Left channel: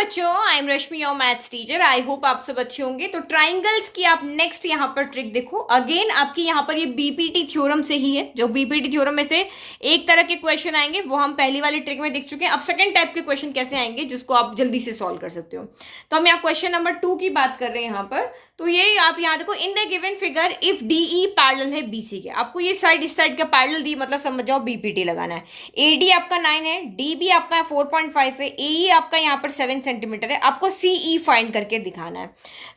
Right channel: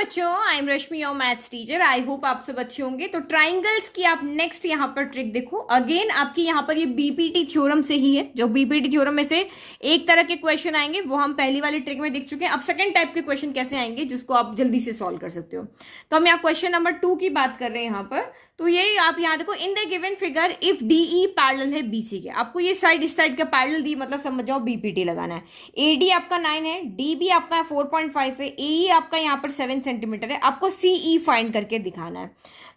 बच्चों, I am Rashmi your maths teacher. I hope आप सब अच्छे होंगे। तो ट्राइंगल्स की आप नेक्स्ट यहाँ पर ट्रिक देखो। अगेन आपकी यहाँ पर ये बीपीटी थ्योरम से ही है। जो बीपीटी थ्योरम में से एक तरह के क्वेश्चन आएंगे वो हम पहली वाली ट्रिक में देख चुके हैं। अब सेकंड टाइप के क्वेश्चन कैसे आएंगे जिसको आप जल्दी से सॉल्व कर सकते हो। तो हम यहाँ क्वेश्चन नंबर 2 की बात कर रहे हैं यहाँ पर। तो ये आप यहाँ देखो, in the given figure if DE parallel है बीसी के। आपको ये साइड इस साइड का पैरेलल दी, मतलब समझ जाओ बीपीटी लगाना है। एडी आपका 9 है, डीबी आपका 4.5 है, एई आपका यहाँ पर 7 सेंटीमीटर है। आपको सीई फाइंड करके दिखाना है।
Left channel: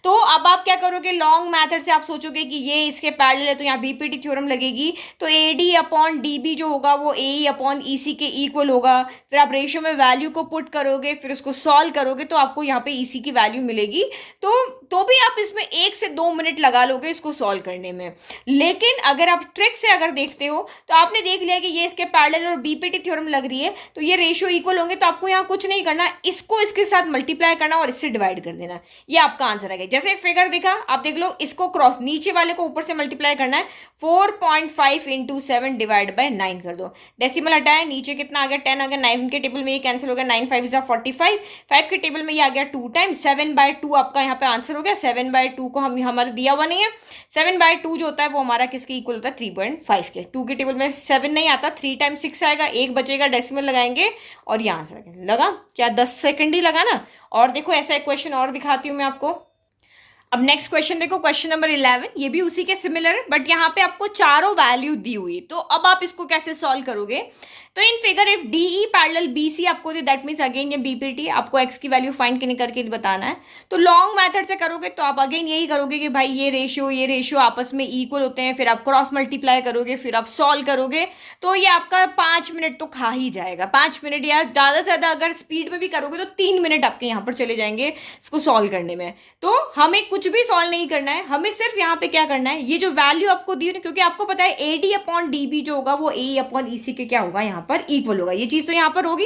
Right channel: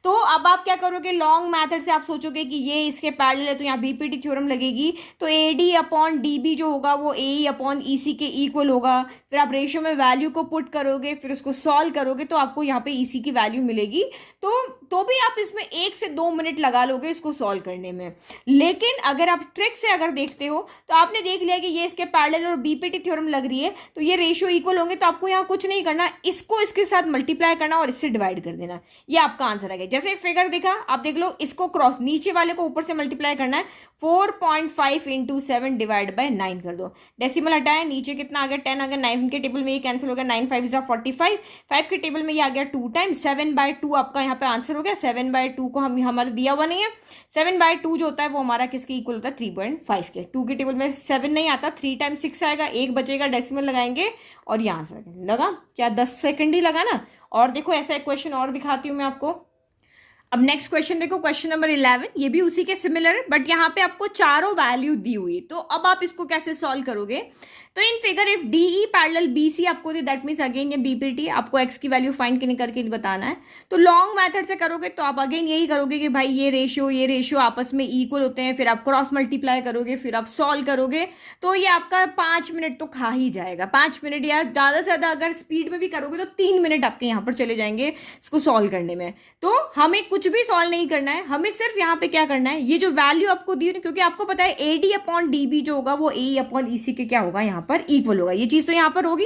तो अब आप क्या करोगे, लॉन्ग मेथड से आप सोचोगे कि ये इसके पैरेलल है तो यहाँ बीपीटी थ्योरम लगेगी। तो एडी अपॉन डीबी जो होगा वो एई अपॉन ईसी के इक्वल होगा। फिर आप रेशियो में वैल्यू को पुट करोगे, फिर उसको सॉल्व करोगे तो आपको यहाँ पे ईसी की वैल्यू मिलेगी। तो भी आप इसमें 1 से 2 मिनट लगा लोगे इसको सॉल्व करने में। लेकिन अगर आप ट्रिक से अगर देखते हो तो आपने देख लिया कि ये इसके पैरेलल और बीपीटी थ्योरम लग रही है तो ये रेशियो इक्वल होंगे। तो आपको यहाँ कुछ नहीं करना, इसको इसके साथ मल्टीप्लाई करना और इससे डिवाइड कर देना। ये आपका आंसर है। जैसे फिगर देखा, आप देख लो, इसको क्रॉस नीचे वाले को ऊपर से मल्टीप्लाई करना है। 4.5 इंटू 7 डिवाइड बाय 9 कर दो। डेसिमल हटाया, नीचे कितना आ गया, 10 आ गया। 9 के टेबल में ये कैंसिल हो गया, 9 5 जा 45। 5 के टेबल में ये आ गया 2 टाइम। 7/2 आपका यहाँ पे आंसर हो गया। 7/2 को हम हमारा दिया हुआ नहीं है। 7/2 जो होता है वो हमारा किसके इक्वल होता है, 3.5 के। 2 के टेबल में 7 नहीं आता, 3 टाइम 6 आएगा, एक बचेगा, डेसिमल लगाएंगे और ये आंसर लगा। क्या 10 सेकंड ही लगा ना। और देखो ऐसा एक क्वेश्चन और दिखाती हूँ मैं आपको। अब नेक्स्ट क्वेश्चन देखो, क्वेश्चन नंबर 11। ये भी उसी के सिमिलर है बट यहाँ पे आपको चारों वैल्यू दी हुई। तो अब आप इसको कैसे सॉल्व करोगे। तो in figure if DE parallel BC आपको, दैट मींस अगेन ये बीपीटी आपको एक्स की वैल्यू फाइंड करके बताना है। तो लॉन्ग मेथड से करोगे तो आप अगेन यही करोगे कि भाई ये रेशियो आपस में इक्वल होते हैं। फिर आप क्रॉस मल्टीप्लाई करोगे, फिर आप सॉल्व करोगे। तो ये आपका 5 मिनट तो खा ही जाएगा। 5 मिनट या ज़्यादा से ज़्यादा अगर स्पीड में भी करोगे तो 3 मिनट आपके यहाँ पर चले जाएंगे इसको सॉल्व करने में। तो हमें कुछ भी सॉल्व नहीं करना है, हमें सिर्फ यहाँ पे क्या करना है, ये जो वैल्यू आपको दी है, क्योंकि आपको पता है एडी अपॉन डीबी जो होगा वो ए अपॉन ईसी के क्या होगा, यहाँ पर इक्वल होगा। ये चीज तो यहाँ पर होगी।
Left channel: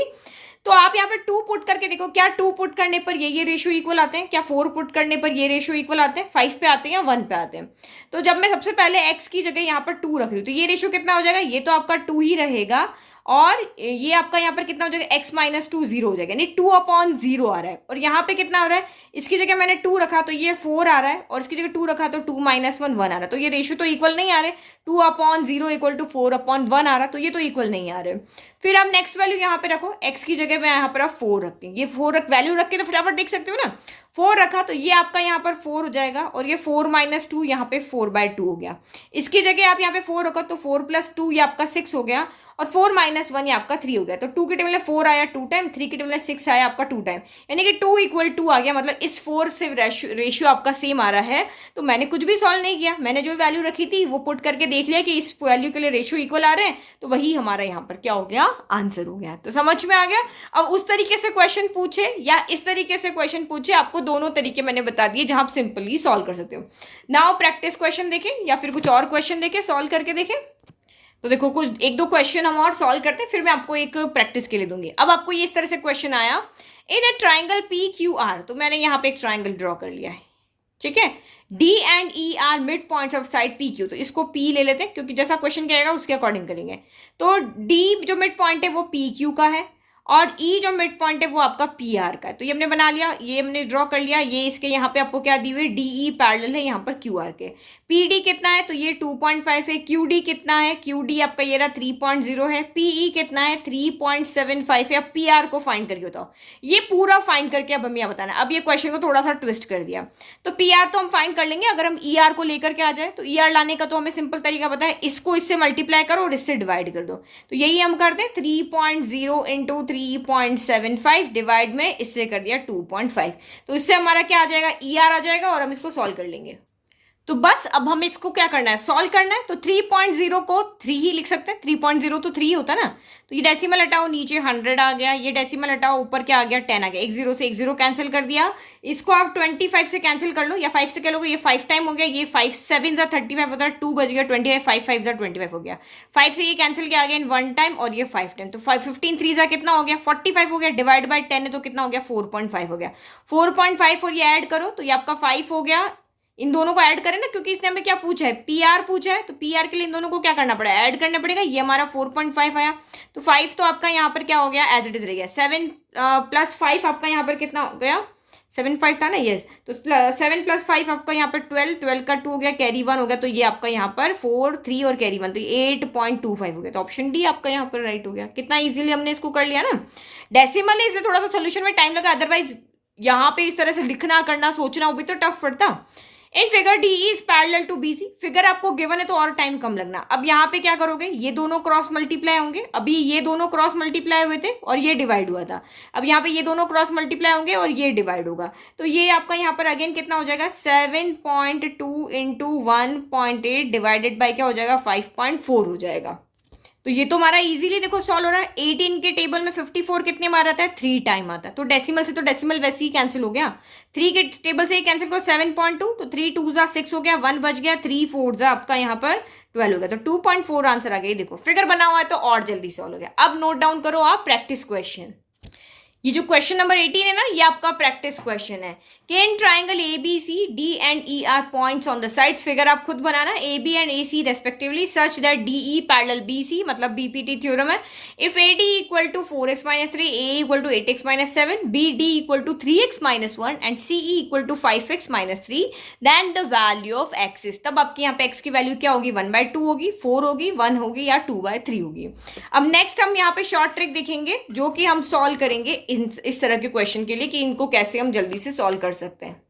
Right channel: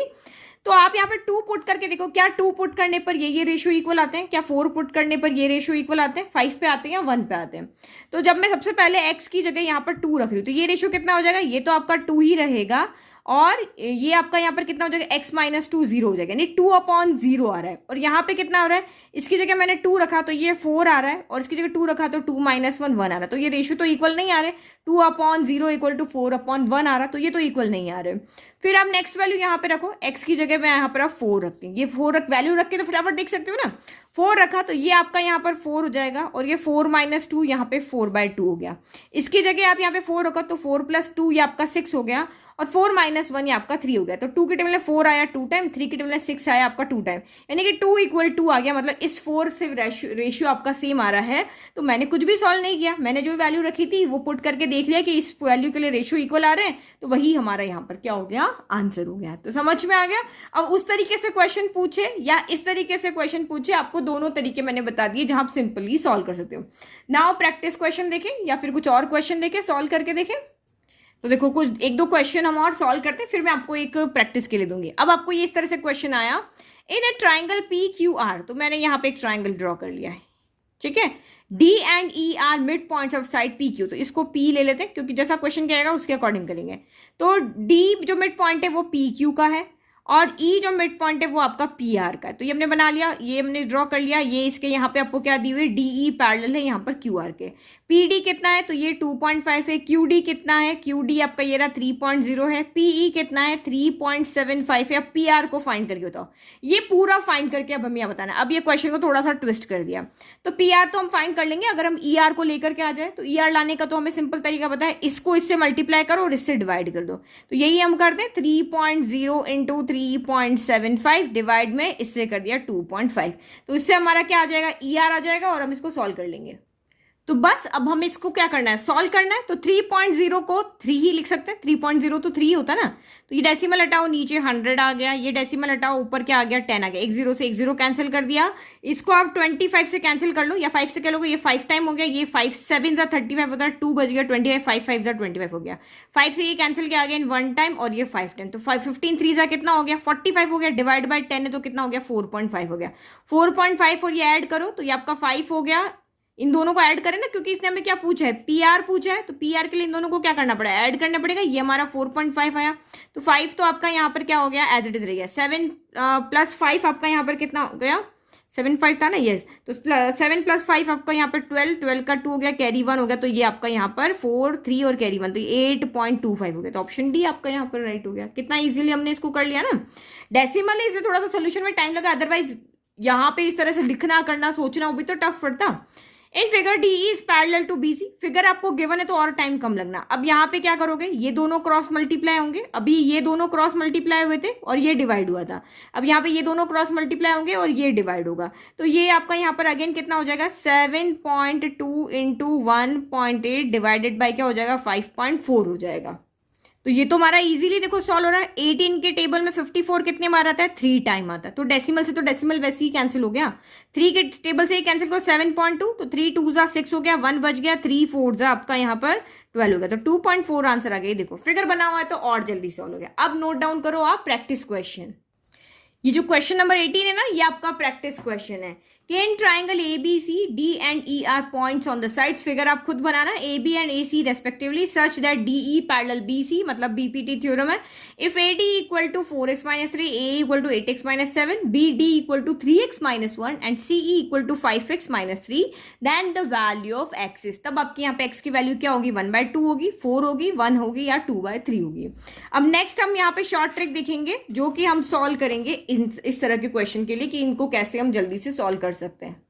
तो आप यहाँ पर 2 पुट करके देखो, क्या 2 पुट करने पर ये रेशियो इक्वल आते हैं, क्या 4 पुट करने पर ये रेशियो इक्वल आते हैं, 5 पे आते हैं या 1 पे आते हैं। तो जब मैं सबसे पहले x की जगह यहाँ पर 2 रख रही हूँ तो ये रेशियो कितना हो जाएगा, ये तो आपका 2 ही रहेगा। और ये आपका यहाँ पर कितना हो जाएगा, x माइनस 2 0 हो जाएगा, यानी 2/0 आ रहा है। और यहाँ पे कितना हो रहा है, इसकी जगह मैंने 2 रखा तो ये 4 आ रहा है, और इसकी जगह 2 रखा तो 2 - 1 1 आ रहा है। तो ये रेशियो तो इक्वल नहीं आ रहे। 2/0 इक्वल टू 4/1 आ रहा, तो ये तो इक्वल नहीं आ रहे। फिर आप नेक्स्ट वैल्यू यहाँ पे रखो, x की जगह में यहाँ पर आप 4 रखते हैं। ये 4 वैल्यू रख के तो फटाफट देख सकते हो ना। 4 रखा तो ये आपका यहाँ पर 4 हो जाएगा, और ये 4 - 2 यहाँ पे 4/2 हो गया। इसकी जगह आप यहाँ पे 4 रखो तो 4 + 2 ये आपका 6 हो गया, और 4 - 1 ये आपका 3 हो गया। तो 2 के टेबल में 4 आया 2 टाइम, 3 के टेबल में 6 आया आपका 2 टाइम, यानी कि 2 = 2 आ गया। मतलब इस 4 से रेशियो आपका सेम आ रहा है। तो मैंने कुछ भी सॉल्व नहीं किया, मैंने जो वैल्यू रखी थी वो पुट करके देख लिया कि इस वैल्यू के लिए रेशियो इक्वल आ रहे हैं, तो वही हमारा यहाँ पर क्या हो गया, आंसर हो गया। तो समझ में आ गया। अब उस तरीके से क्वेश्चन पूछे या इस तरीके से क्वेश्चन पूछे, आपको दोनों तरीके मैंने बता दिए जहां आप सिंपली सॉल्व कर सकते हो। नाउ प्रैक्टिस क्वेश्चन देखें या फिर कुछ और क्वेश्चन देखें, सॉल्व करके देखें। तो देखो कुछ 1-2 क्वेश्चन हम और सॉल्व करते हैं, फिर मैं आपको एक प्रैक्टिस के लिए दूंगी। अब आपको ये इस तरह से क्वेश्चन आया, in a triangle P Q R. तो मैंने यहाँ पे एक ट्राइंगल ड्रॉ कर लिया है, ठीक है। D and E are mid points of side P Q. तो इसको पी ले लेते हैं क्योंकि जैसा क्वेश्चन कहेगा उसके अकॉर्डिंग करेंगे। तो डी जो मिड पॉइंट है वो पी क्यू का है, और ई जो मिड पॉइंट है वो आपका पी आर का है। तो ये हमने बना लिया, ये हमने ड्रॉ कर लिया। ये इसके यहाँ पे आपको क्या दी हुई, डी ई पैरेलल है यहाँ पर क्यू आर के। पी डी कितना है, तो ये 2.5 है। क्यू डी कितना है, क्यू डी आपका ये रहा 3.0 है। पीई कितना है, 3.75 है। अब पी आर को फाइंड करके बताओ। ये पूरा फाइंड करके अब हमें यह बताना है। अब ये क्वेश्चन को थोड़ा सा ट्विस्ट कर दिया। तो पी आर तो हम फाइंड कर लेंगे अगर हम ई आर को लेकर के आ जाए। तो ई आर लाने का तो हमें सिंपल तरीका पता है, इसको इससे मल्टीप्लाई करो और इससे डिवाइड कर दो। तो यही हम करते हैं, 3.0 इंटू 3.75 डिवाइड में इससे कर दिया 2.5। तो इससे हमारा क्या आ जाएगा, ई आर आ जाएगा, और हम इसको सॉल्व कर लेंगे। तो बस अब हम इसको क्या करना है, सॉल्व करना है। तो 3.0 को 3 ही लिख सकते हैं, 3.0 तो 3 होता है ना। तो ये डेसिमल हटाओ, नीचे 100 आ गया। ये डेसिमल हटाओ, ऊपर क्या आ गया, 10 आ गया। एक 0 से एक 0 कैंसिल कर दिया। इसको आप 25 से कैंसिल कर लो, या 5 से कह लोगे, ये 5 टाइम हो गया। ये 5 7 जा 35 होता है, 2 बज गया 25, 5 5 जा 25 हो गया। 5 से ये कैंसिल किया गया इन 1 टाइम, और ये 5 टाइम। तो 15 3 जा कितना हो गया, 45 हो गया। डिवाइड बाय 10 है तो कितना हो गया, 4.5 हो गया। 4.5 और ये ऐड करो तो ये आपका 5 हो गया। इन दोनों को ऐड करें ना, क्योंकि इसने हमें क्या पूछा है, पी आर पूछा है, तो पी आर के लिए इन दोनों को क्या करना पड़ेगा, ऐड करना पड़ेगा। ये हमारा 4.5 आया, तो 5 तो आपका यहाँ पर क्या हो गया, एज इट इज रह गया। 7 प्लस 5 आपका यहाँ पर कितना हो गया, 7 5 था ना, यस। तो 7 प्लस 5 आपका यहाँ पर 12, 12 का 2 हो गया, कैरी 1 हो गया, तो ये आपका यहाँ पर 4 3 और कैरी 1, तो 8.25 हो गया। तो ऑप्शन डी आपका यहाँ पर राइट हो गया। कितना इजीली हमने इसको कर लिया ना। डेसिमल है, इसे थोड़ा सा सोल्यूशन में टाइम लगा, अदरवाइज यहाँ पे इस तरह से लिखना करना सोचना वो भी तो टफ पड़ता। In figure D is parallel to BC, figure आपको गिवन है तो और टाइम कम लगना। अब यहाँ पे क्या करोगे, ये दोनों क्रॉस मल्टीप्लाई होंगे, अभी ये दोनों क्रॉस मल्टीप्लाई हुए थे और ये डिवाइड हुआ था। अब यहाँ पे ये दोनों क्रॉस मल्टीप्लाई होंगे और ये डिवाइड होगा, तो ये आपका यहाँ पर अगेन कितना हो जाएगा, 7.2 इंटू 1.8 डिवाइडेड बाई क्या हो जाएगा, 5.4 हो जाएगा। तो ये तो हमारा इजीली देखो सॉल्व हो रहा है। 18 के टेबल में 54 कितने बार आता है, 3 टाइम आता है, तो डेसिमल से तो डेसिमल वैसे ही कैंसिल हो गया। 3 के टेबल से ही कैंसिल करो, 7.2, तो 3 2 जा 6 हो गया, 1 बच गया, 3 4 जा आपका यहाँ पर 12 हो गया, तो 2.4 आंसर आ गया। देखो फिगर बना हुआ है तो और जल्दी सॉल्व हो गया। अब नोट डाउन करो आप प्रैक्टिस क्वेश्चन। ये जो क्वेश्चन नंबर 18 है ना, ये आपका प्रैक्टिस क्वेश्चन है कि in triangle A B C D and E are points on the sides, figure आप खुद बनाना, A B and A C respectively, such that D E parallel B C, मतलब बीपीटी थ्योरम है। If A D equal to 4x minus 3, A equal to 8x minus 7, B D equal to 3x minus 1 and C E equal to 5x minus 3, then the value of x is, तब आपकी यहाँ पे x की value क्या होगी, 1/2 होगी, 4 होगी, 1 होगी या 2/3 होगी। अब नेक्स्ट हम यहाँ पे शॉर्ट ट्रिक देखेंगे जो कि हम सॉल्व करेंगे इस तरह के क्वेश्चन के लिए कि इनको कैसे हम जल्दी से सॉल्व कर सकते हैं।